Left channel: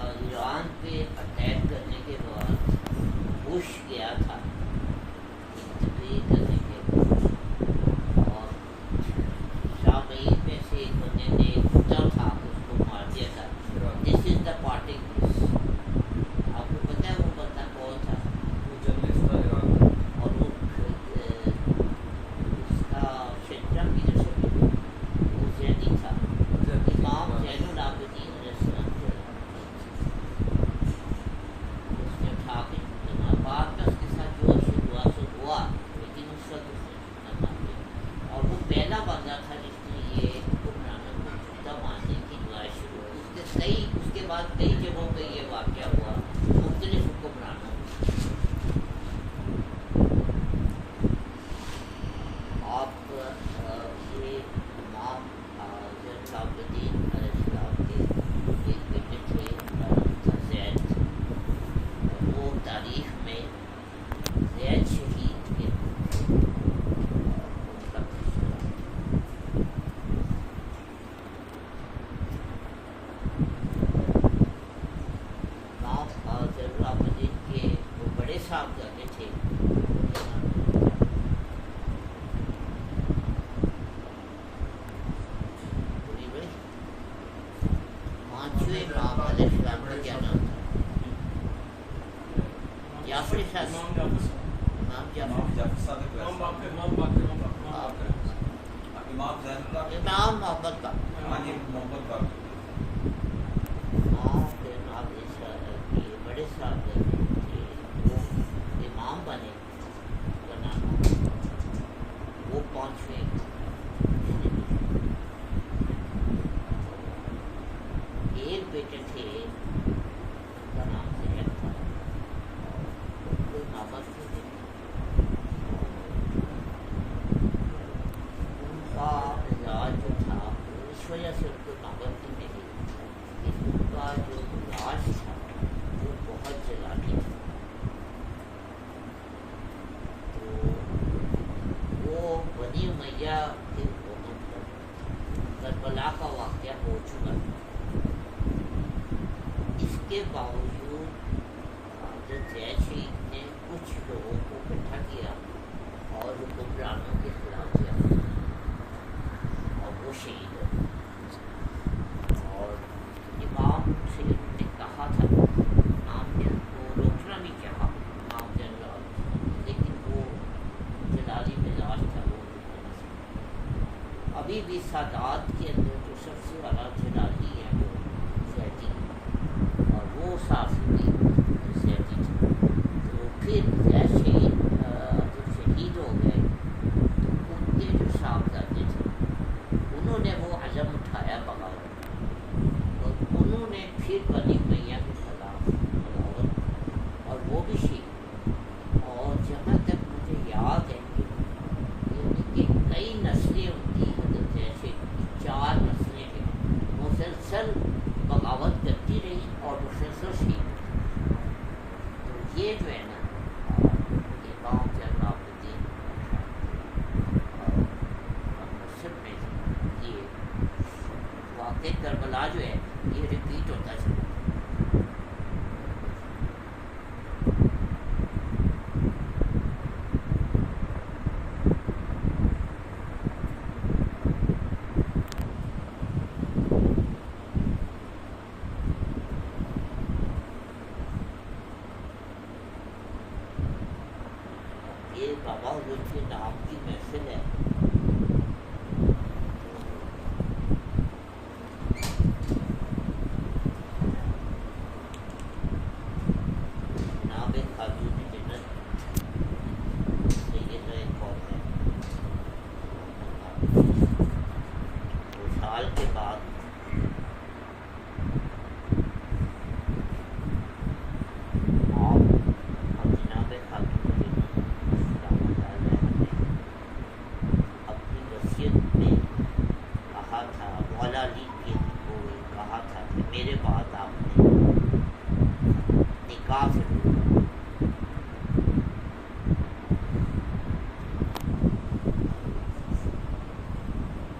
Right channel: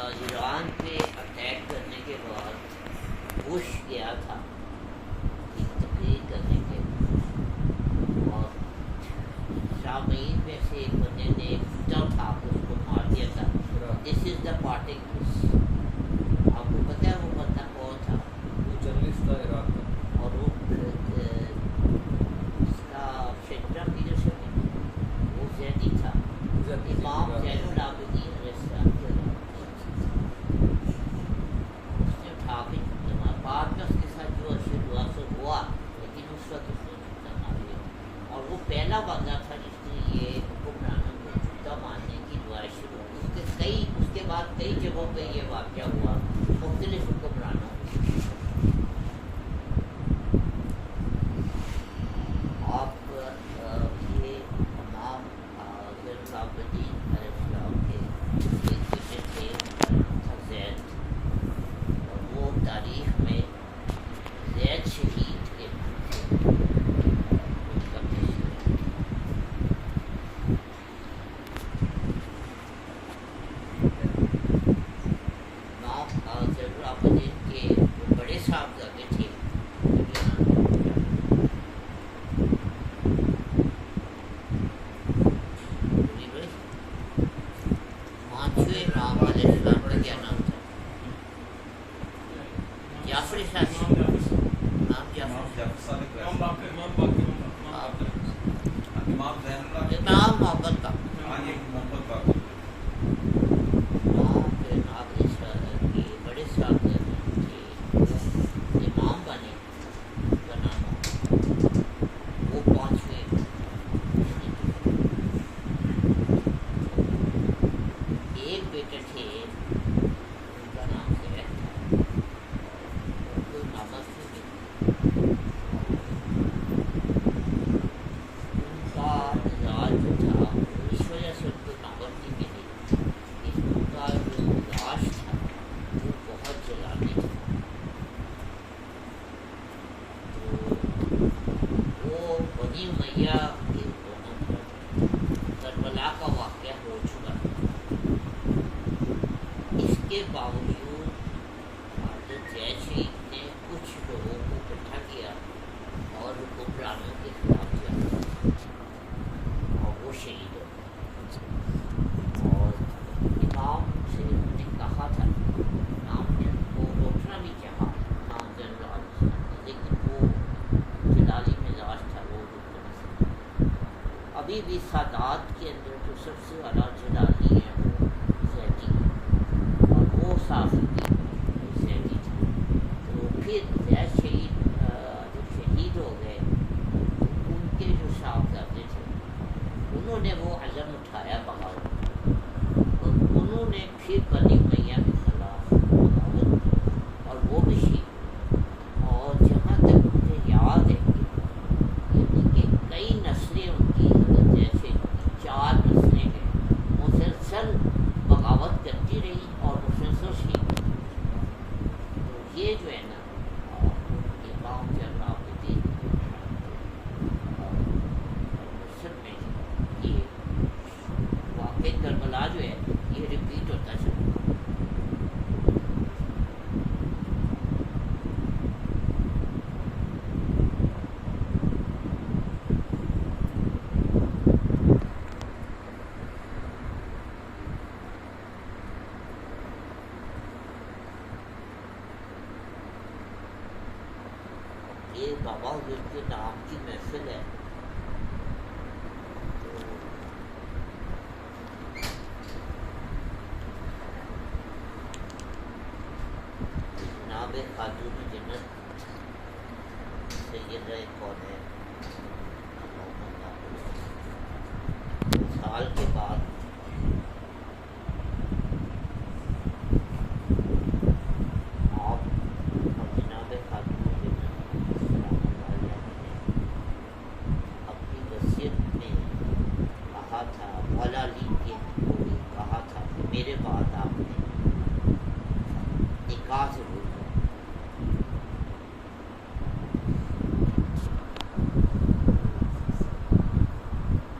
ایران پہ اٹیک کرنے کے بعد بش گیا تھا تقریر کرنے کے لیے، اور شامعین میں سے ایک بندے نے کتا اٹھا کے اس کو مار دیا تھا. دس از دا پارٹنگ کس. آپ کو پتہ ہے وہ بندہ کون تھا؟ اور وہ اس کا شجرم کی جو شکل وہ زیدی تھا، امام زین العابدین علیہ السلام کے اس نے اٹھا کے بعد میں اس کے ساتھ جو اشر ہوا سو ہوا، لیکن اس وقت اس نے جوتا مار دیا. اور وہ پہلا بندہ تھا جس نے یہ حکمرانوں کو جوتا مارنے کی دعائیں شروع کی. اس کے بعد کئی جگہوں پہ یہ واقعہ ہوا مختلف حکمرانوں. آپ یہ امام زین العابدین علیہ السلام کے ایک بیٹے تھے، ان کا نام تھا زید، اور وہ تاریخ میں زید شہید کے ان کا تذکرہ. امام زین العابدین کے وہ بڑے صاحبزادے تھے، پانچویں امام علیہ السلام کا کیا نام تھا؟ جعفر ثانی، امام جعفر، امام محمد کا امام کے ناظر کے بڑے صاحب تھے، وہ امام بنے، ان کا نام محمد، وہ پانچویں. ایک بیٹے تھے ان کا نام زید تھا، ان کو نامت تھے، ان کا مزاج جو تھا اس وجہ سے ان کو نامت نہیں ملی کہ ان کا جو مزاج تھا وہ بہت جلالی تھا. تو وہ بنی امیہ کی حکومت پر کربلا کا واقعہ ہو چکا تھا. اس کے باوجود حضرت زید شہید نے کچھ لوگوں کو اکٹھا کیا اور حکمرانوں کے خلاف جنگ کی، اور وہ شہید ہو گئے. اور امام سے انہوں نے کہا تھا، امام نے ان کو روکنا بھی چاہا امام زین العابدین، لیکن وہ جلالی مزاج تھا، وہ روکنا نہیں سکتا. ابھی بھی سادات کے اندر جو سب سے زیادہ جلالی ہیں وہ زیدی ہیں، وہ صافی تھی، زیدی تھی. تو پھر زید شہید جب شہید ہو گئے تو ان کے جو صاحبزادے تھے انہوں نے وہ عزم اٹھایا بغاوت، اور انہوں نے پھر بنی امیہ کے خلاف بغاوت، اور وہ بھی شہید ہوئے. اور جہاں تک مجھے یاد ہے یعنی کہ کئی نسلیں ان کی حضرت زید شہید کی 4 نسلیں ہیں مسلسل بغاوت کرتی رہی اور مسلسل شہید. تو یہ جو ہے نا امام زین العابدین اور مصر میں یہ واقع کربلا جو ہے یہ ریپیٹ ہوتا چلا. یہ بابا حضور کے نام کی محفل ہے. جناب خاتون جنت سیدہ کون ہے 2 سال کے بعد آپ اور جناب خاتون اپنی وصیت میں کہا تھا، مولا علی کے کو کہا تھا کہ میرے بعد آپ نے نکاح ضرور کرنا.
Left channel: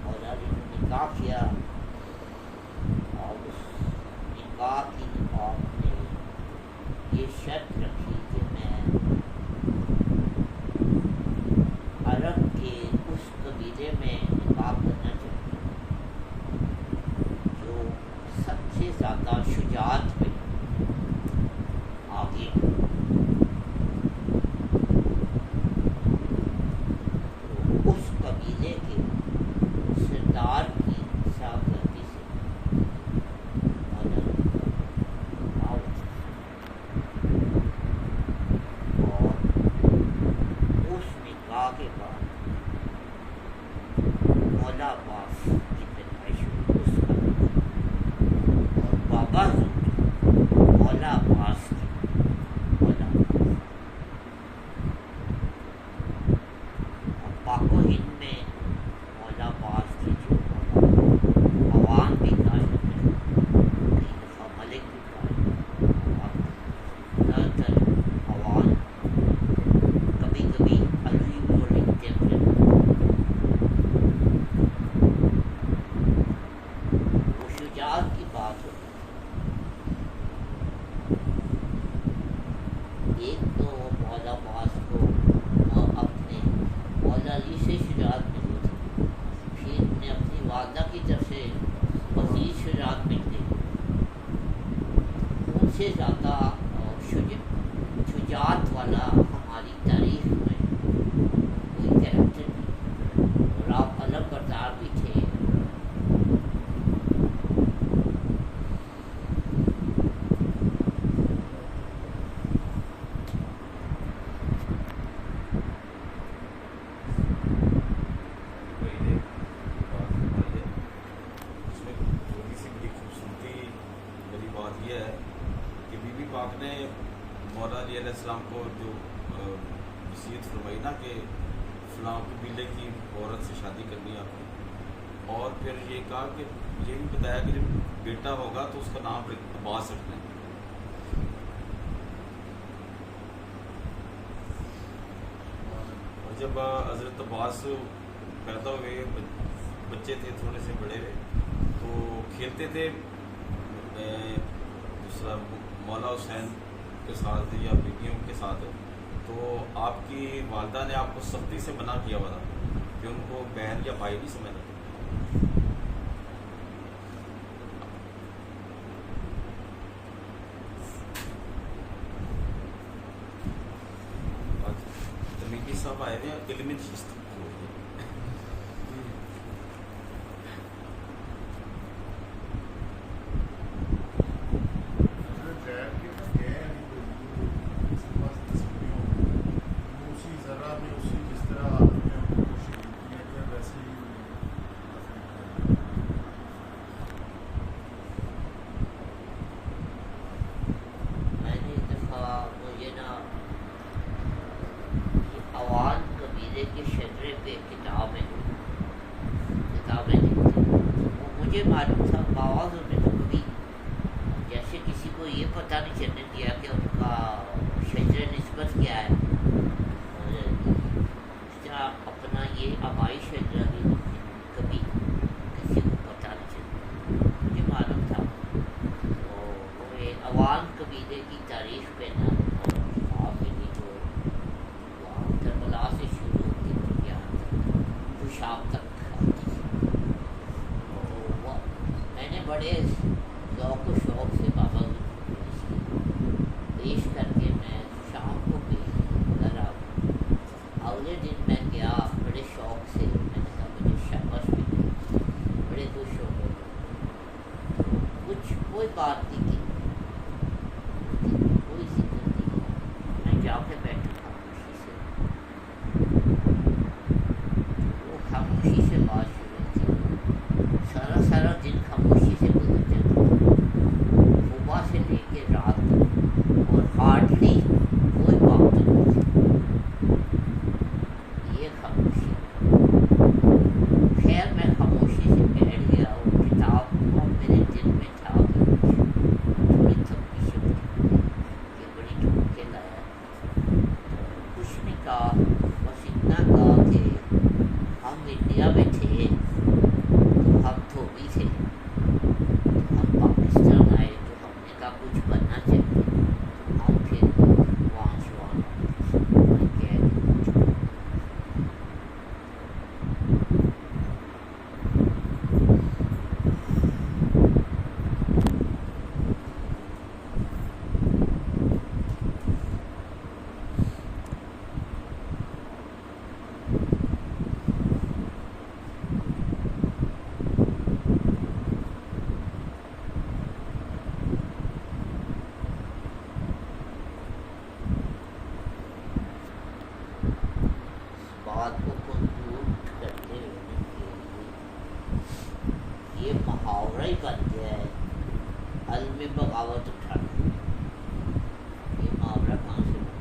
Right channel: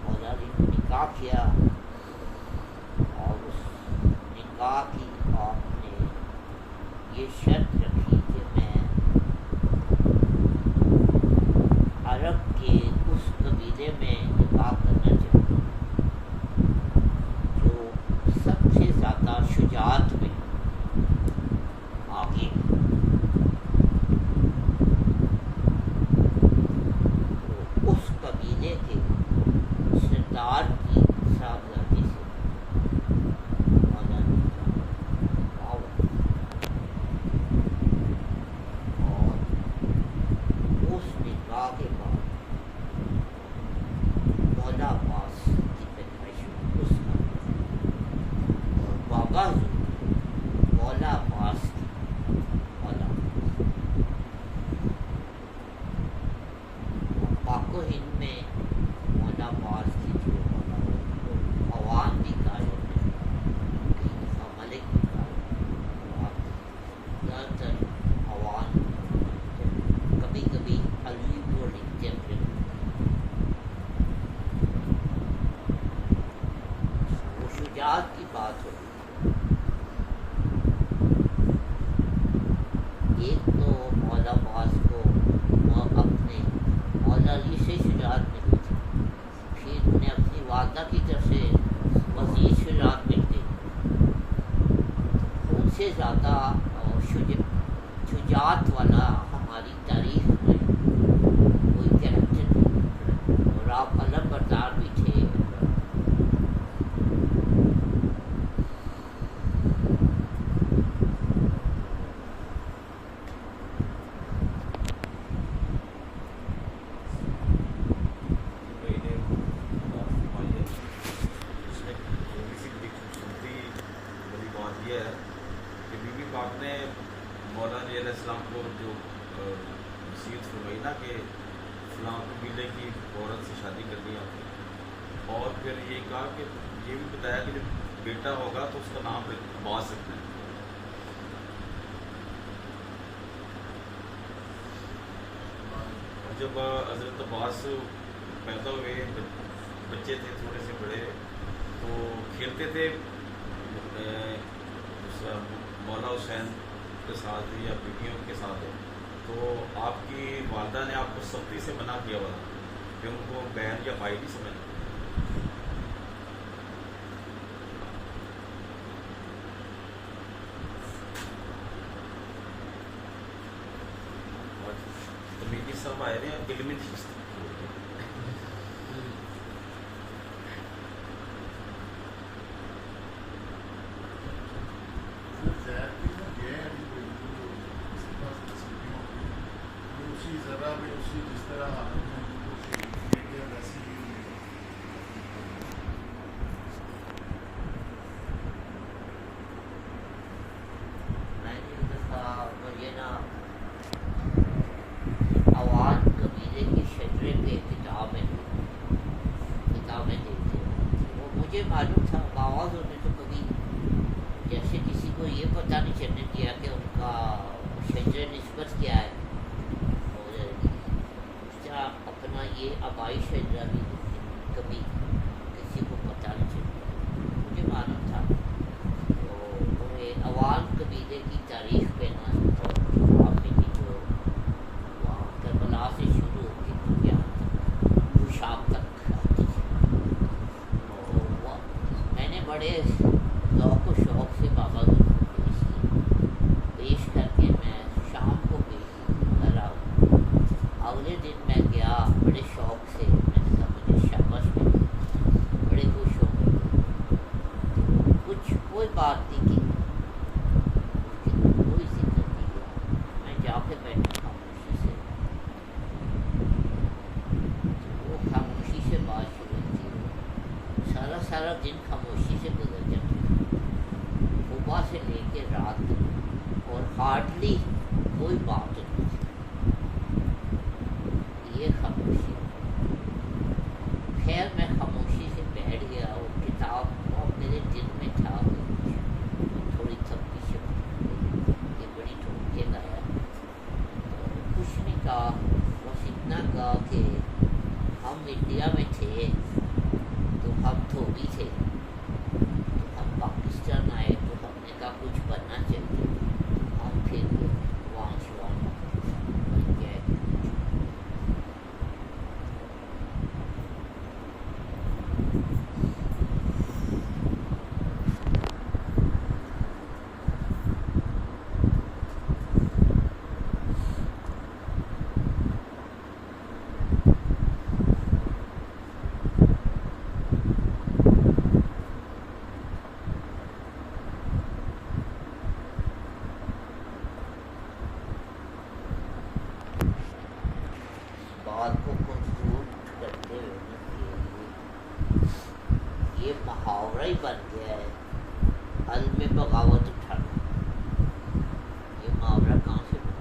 مولا علی نے نکاح کیا، اور اس کہا کہ آپ نے یہ شرط رکھی کہ میں عرب کے اس قبیلے میں نکاح کرنا چاہتی ہوں جو سب سے زیادہ شجاعت میں آگے، تو اس قبیلے کے سردار کی صاحبزادی سے مولانا اور اس نکاح کے بعد مولا عباس کی پیدائش ہوئی اس کا، اور بابا حضور مولا عباس کی مولا پاک و ہند میں مولا عباس کی جو مولا عوام بھی قائم ہے، کئی دفعہ ملک بھی قائم ہے، زیادہ تر عوام کبھی کبھی علوی کو لکھتے ہیں، وہ شجاعت کی بات ہوتی ہے۔ ایک تو مولا عباس کو اپنے مولا علی سے شجاعت ملی تھی، پھر انہیں اپنی والدہ کی طرف سے مزید شجاعت مل گئی، ان سے زیادہ شجاعت والا ہماری تاریخ میں کوئی کریکٹر نہیں، اور آپ علم بردار بھی تھے۔ السلام کو جو وصیت فرمائی نا کہ فلاں قبیلے کی عورت سے شادی کرنی آپ نے، اور پھر یہ کہا کہ یہ بھی بتایا کہ جب بیٹا ہوگا تو اس کا نام عباس رکھنا ہے۔ اور جب حضرت عباس پیدا ہوئے، بچے تھے تھوڑے سے بڑے، تو کھیلتے تھے مولا حسین کے ساتھ یا بیٹیوں کے ساتھ، تو آپ کی والدہ نے آپ کو سختی سے منع کیا ہوا کہ ان کو بہن یا بھائی نہیں سمجھنا۔ تمیمی صاحب آئے ہیں، دل میں چیز تھی مجھے معلوم تھا، باواز نے تو کبھی جیسے کسی کو یہ پتہ نہیں چلنے دیا کہ ان کا شجر نسبت کیا ہے، اور اس طرح اپنا یہ آبائی شجرہ بھی کبھی کسی کو پتہ نہیں چلتا، مجھے معلوم تھا۔ تو وہ عوام قبیلے کی تاریخ پہ نا کتاب میں کی جو وہاں کربلا سے شروع ہوتی تھی یہاں خوشاب تک آتی تھی، میں نے بڑے ذوق و شوق سے بابا پیش کر کے میں شام کو بھی گھر آؤں۔ اگلے دن میں گیا بڑے شوق سے، میں نے کہا مجھے شاباش ملی، بڑے خوش ہو گئے، کچھ کوئی بات نہیں کی، کوئی ذکر نہیں کیا، میں جا کے بیٹھا خاموشی سے، وہ خاموشی سے بات شروع تھی، سارا دن خاموشی سے گزر جاتا، صبح سے لے کے رات تک، اور ہارڈلی کوئی بات نہیں تھی، یہ خاموشی۔ خیر میں خاموشی سے بیٹھ گیا، وہ کتاب وہ میرے دل میں تھا، تھوڑی تھپکی سے یہ بڑی ڈھونڈ کے لایا، کچھ نہیں کہا، بس اتنا کہا کہ ہم انڈیا میں تھے تو ہم دھوبی تھے، ہم پاکستان آئے تو ہم ہی بن گیا ہے عزم بغاوت اٹھانا. یہ محاورہ کہاں سے بنا؟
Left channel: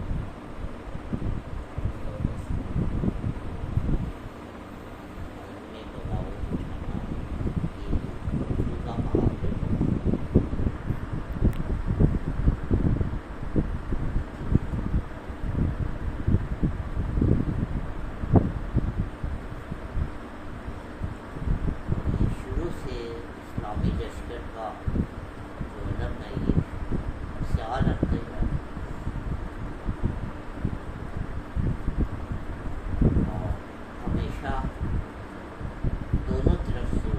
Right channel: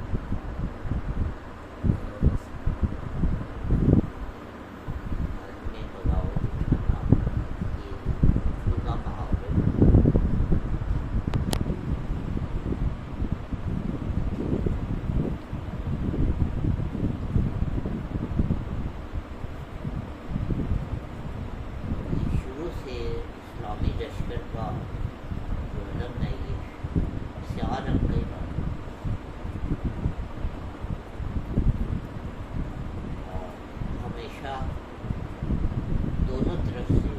عزم بغاوت اٹھانا یہ اردو کا محاورہ ہے. شروع سے اسلامی لشکر کا جو علم ہے یہ سیاہ رنگ کا ہی رہا ہے. اور ہمیشہ دونوں طرف سے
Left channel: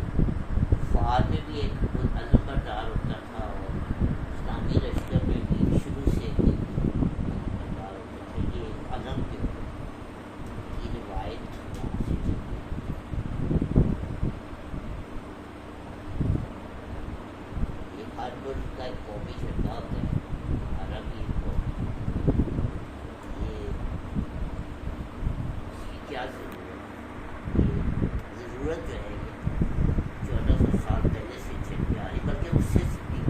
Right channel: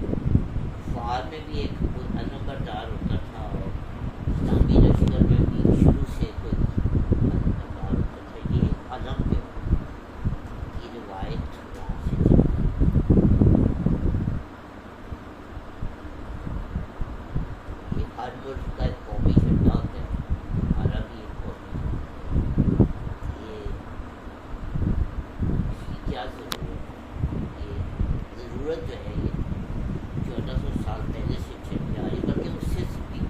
کفار میں بھی ایک کوئی علم بردار ہوتا تھا اور اسلامی لشکر میں بھی شروع سے کوئی علم بردار ہوتا تھا. یہ علم جو کی روایت وہاں سے چلی. یہ ہر ملک کا ایک قومی جھنڈا ہوتا ہے. عرب یہ قومی یہ اس کی کیا ضرورت ہے؟ یہ ضرورت جو ہے یہ 1400 سال پہلے سے چلی آ رہی بلکہ اس سے بھی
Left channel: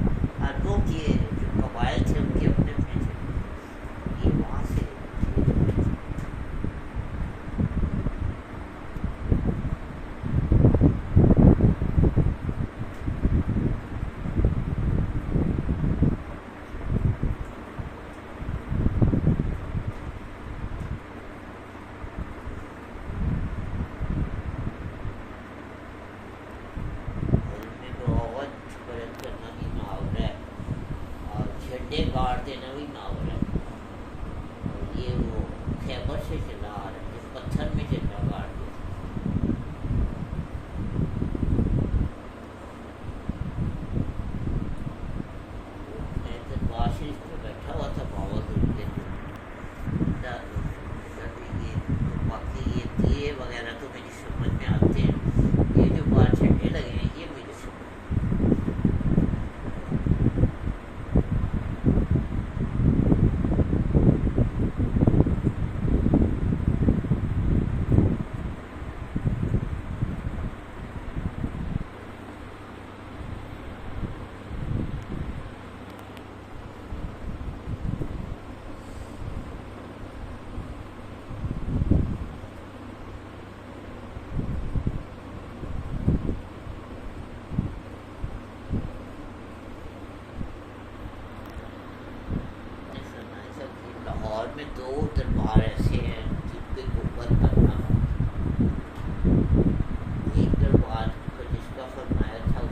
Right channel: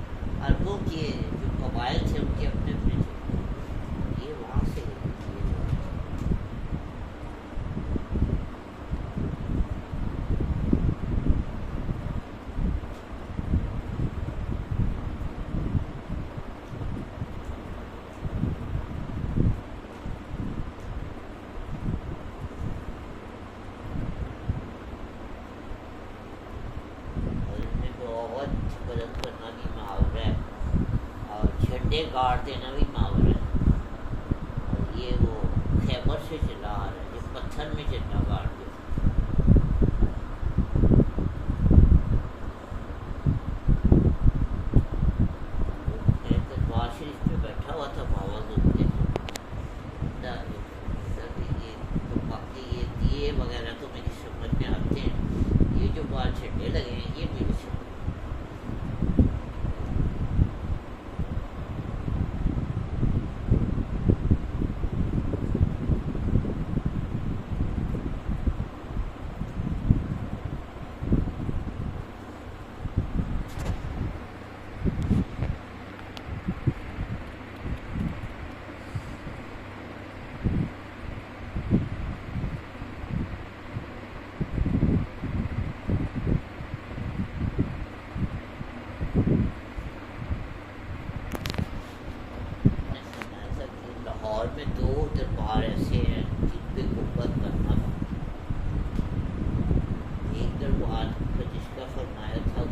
عربوں کے جو قبائل تھے ان کے اپنے اپنے تھے. یہ وہاں سے یہ جو بلند کرنا بھی محاورہ ہے اور جھنڈے گاڑ دینا بھی محاورہ ہے. اور یہ وہ خیبر سے چلا آ رہا ہے جو پتھر میں جھنڈا گاڑ دیا. میں دربار شریف میں بیٹھا ہوا تھا باوض کے یہ تو باقی یہ دیے وغیرہ تو میری سمجھ میں آتے ہیں. یہ جو باہر جھنڈے لگے ہیں یہ میری سمجھ لاہور میں 2 دربار ایسے ہیں جن پہ گنبد کرنا تھا. ایک دربار جس کا فرمایا تھا